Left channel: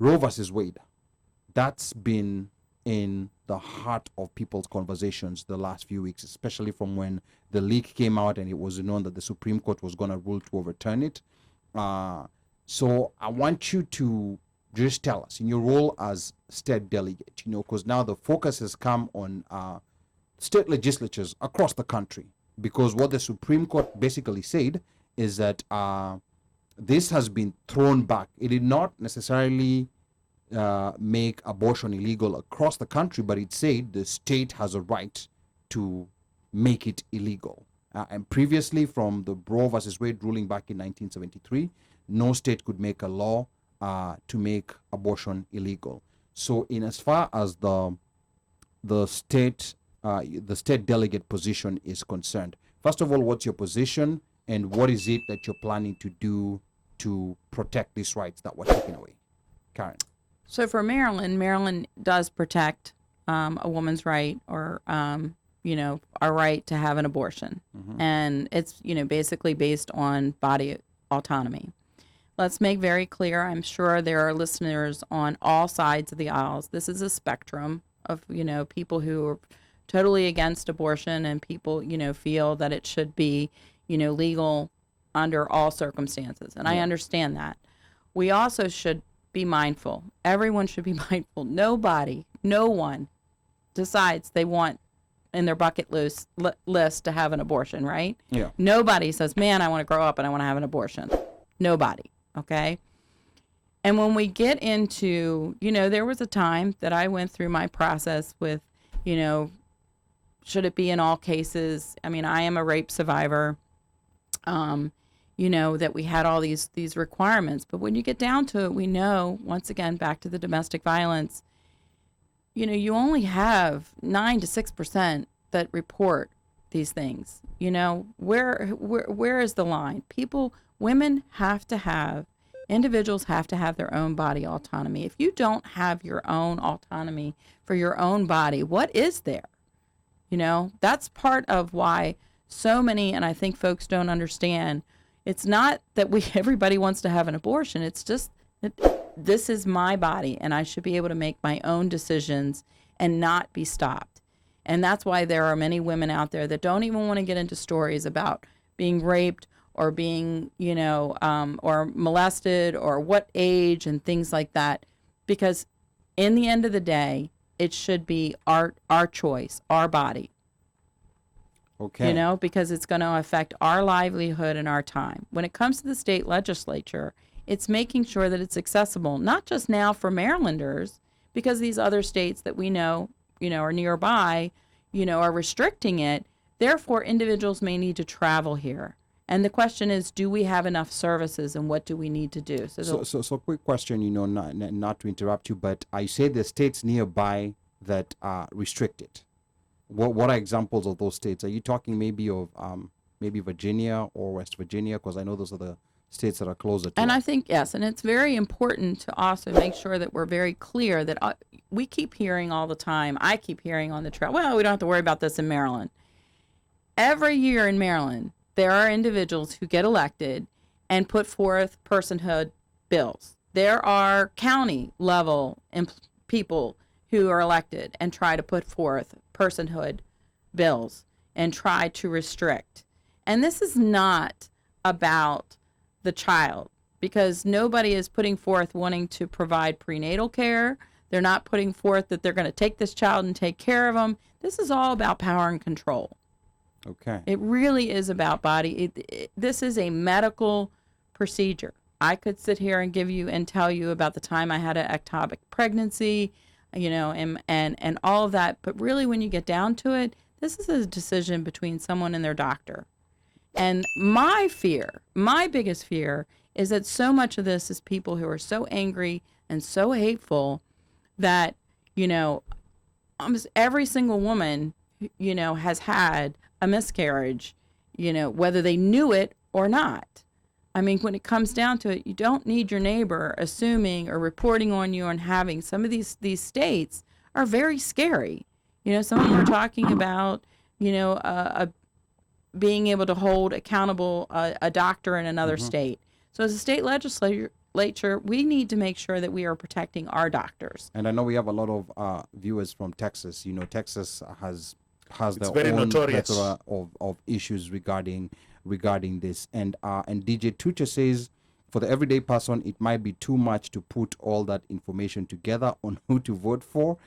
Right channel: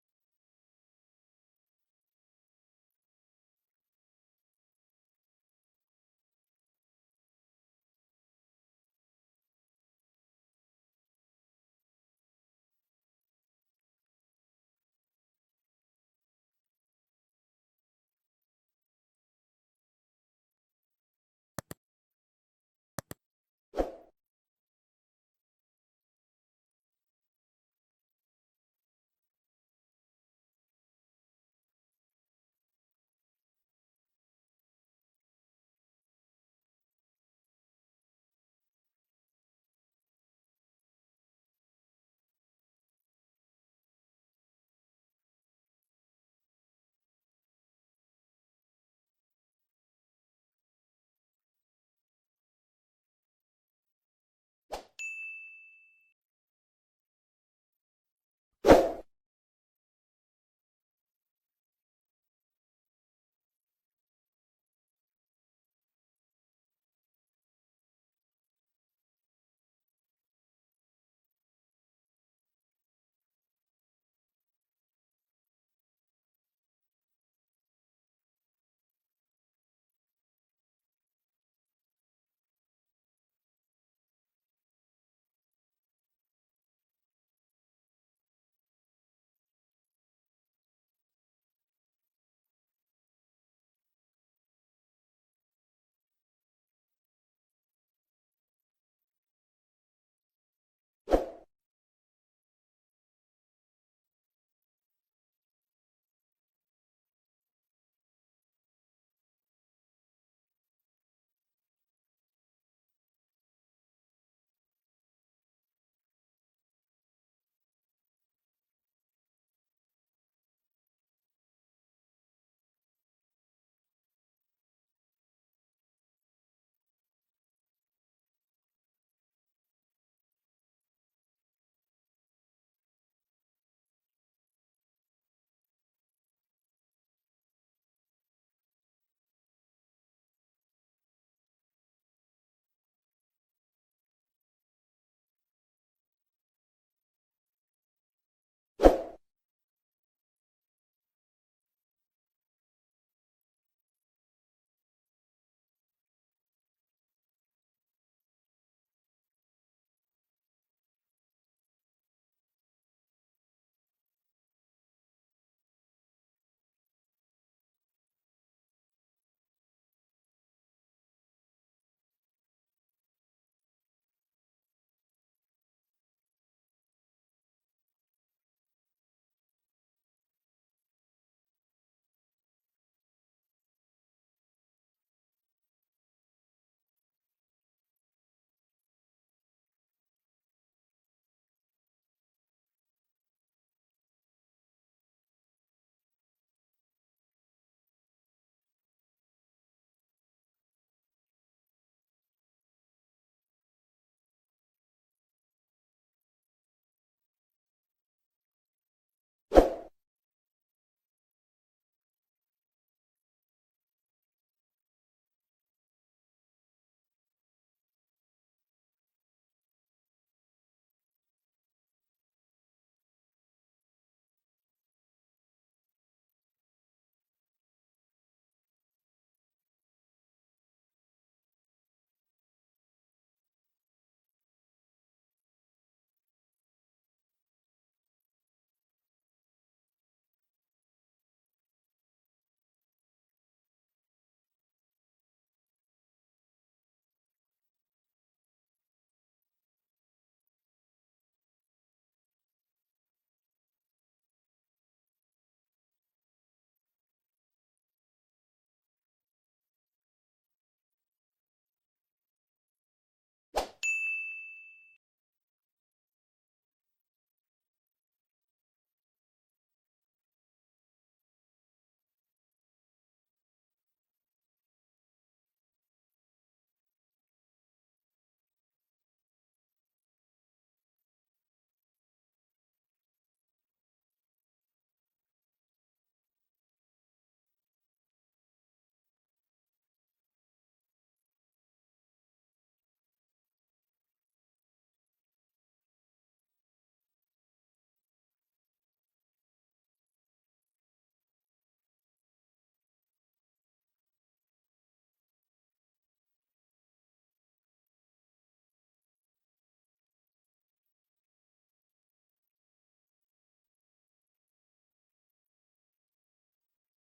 Roe versus Wade, that's been in the heart of people's conversations the last few weeks, especially from when the leak came out and it was known that the Supreme Court was going to rule to overturn it. So I want you to just tell us, in your role as state delegate, because now the focus has come on state legislatures across the country, because what the Supreme Court basically said is that this has been thrown back. It did not necessarily make abortion illegal across the country, but it said the state has a right to make it illegal. And previously, from the Roe versus Wade ruling back in 1973, no state could make a law to make abortion illegal. So, in as far as the state delegate position is concerned, first of all, what's your position, and what is it that you're planning to do to protect these rights that were taken away? Karen. So for Maryland does protect a woman's right, or our right to have an abortion. Mm-hmm. And it's, basically based on body autonomy. Let's make very clear, I'm sure there are listeners on all sides of the aisles. This is a spectrum of, people who are totally against abortion, and people, feel that it should be, legal under all circumstances. And I understand that. We also should be mindful. Everyone should be mindful. No one decides they want in their bucket list to have an abortion, right? Yeah. Nobody says, man, I want to grow up and I want to have an abortion. Nobody, okay? And when we get into, there was a time that I went through my process with, should it be in all cases? I mean, I am a rape survivor. That we had all these requirements. But when you get down to it, we know, once again, back to the domestic violence, you only have 9 to 6% that report these things. Where is the line? Individuals have to have their own body autonomy. If you don't have your own autonomy for your own body, what is there? That's part of why so many, and I think folks don't understand, it's not that everybody wants to have an abortion. It's just that this is my body, and I should be able to make my own decisions and not be stopped. And that's why there are many women out there that don't even want to get into stories about being raped or being, or molested or what age and things like that. Because in the end of the day, it should be our choice, our body. Okay. Because it's going to affect our livelihood and our time. When it comes to the state legislature, it's making sure that it's accessible, not just now for Marylanders, because these other states that we know, are nearby, are restricting it. Therefore, individuals may need to travel here. And the question is, do we have enough services, and what do we need to do? So quick question, not to interrupt you, but I say the states nearby that restrict it. What are examples of those states? Are you talking maybe of maybe Virginia or West Virginia? Because I know those are the states that are closer to And us. I think, yes, and it's very important to also make sure that we're very clear that we keep hearing all the time, I keep hearing on the trail, well, we don't have to worry about this in Maryland. Every year in Maryland, there are individuals who get elected and put forth personhood bills. There are county level people who are elected and try to put forth personhood bills and try to restrict. And this is not about the child, because nobody is putting forth wanting to provide prenatal care. They're not putting forth that they're going to take this child and take care of them. This is all about power and control. Okay. It really is about body. This is a medical procedure. I could sit here and give you and tell you about the time I had an ectopic pregnancy, and all of that. But really, when you get down to it, this is a decision between someone and their doctor. And my biggest fear, is that so much of this is people who are so angry and so hateful that, almost every single woman, has had a miscarriage, whether they knew it or not. I mean, when it comes down to it, you don't need your neighbor assuming or reporting on you and having some of these states are very scary. Some of them are talking about, being able to hold accountable a doctor in another state. So as a state legislature, we need to make sure that we are protecting our doctors. And I know we have a lot of viewers from Texas. Texas has their very own notorious. plethora of issues regarding this. And DJ Tucha says, for the everyday person, it might be too much to put all that information together on who to vote for.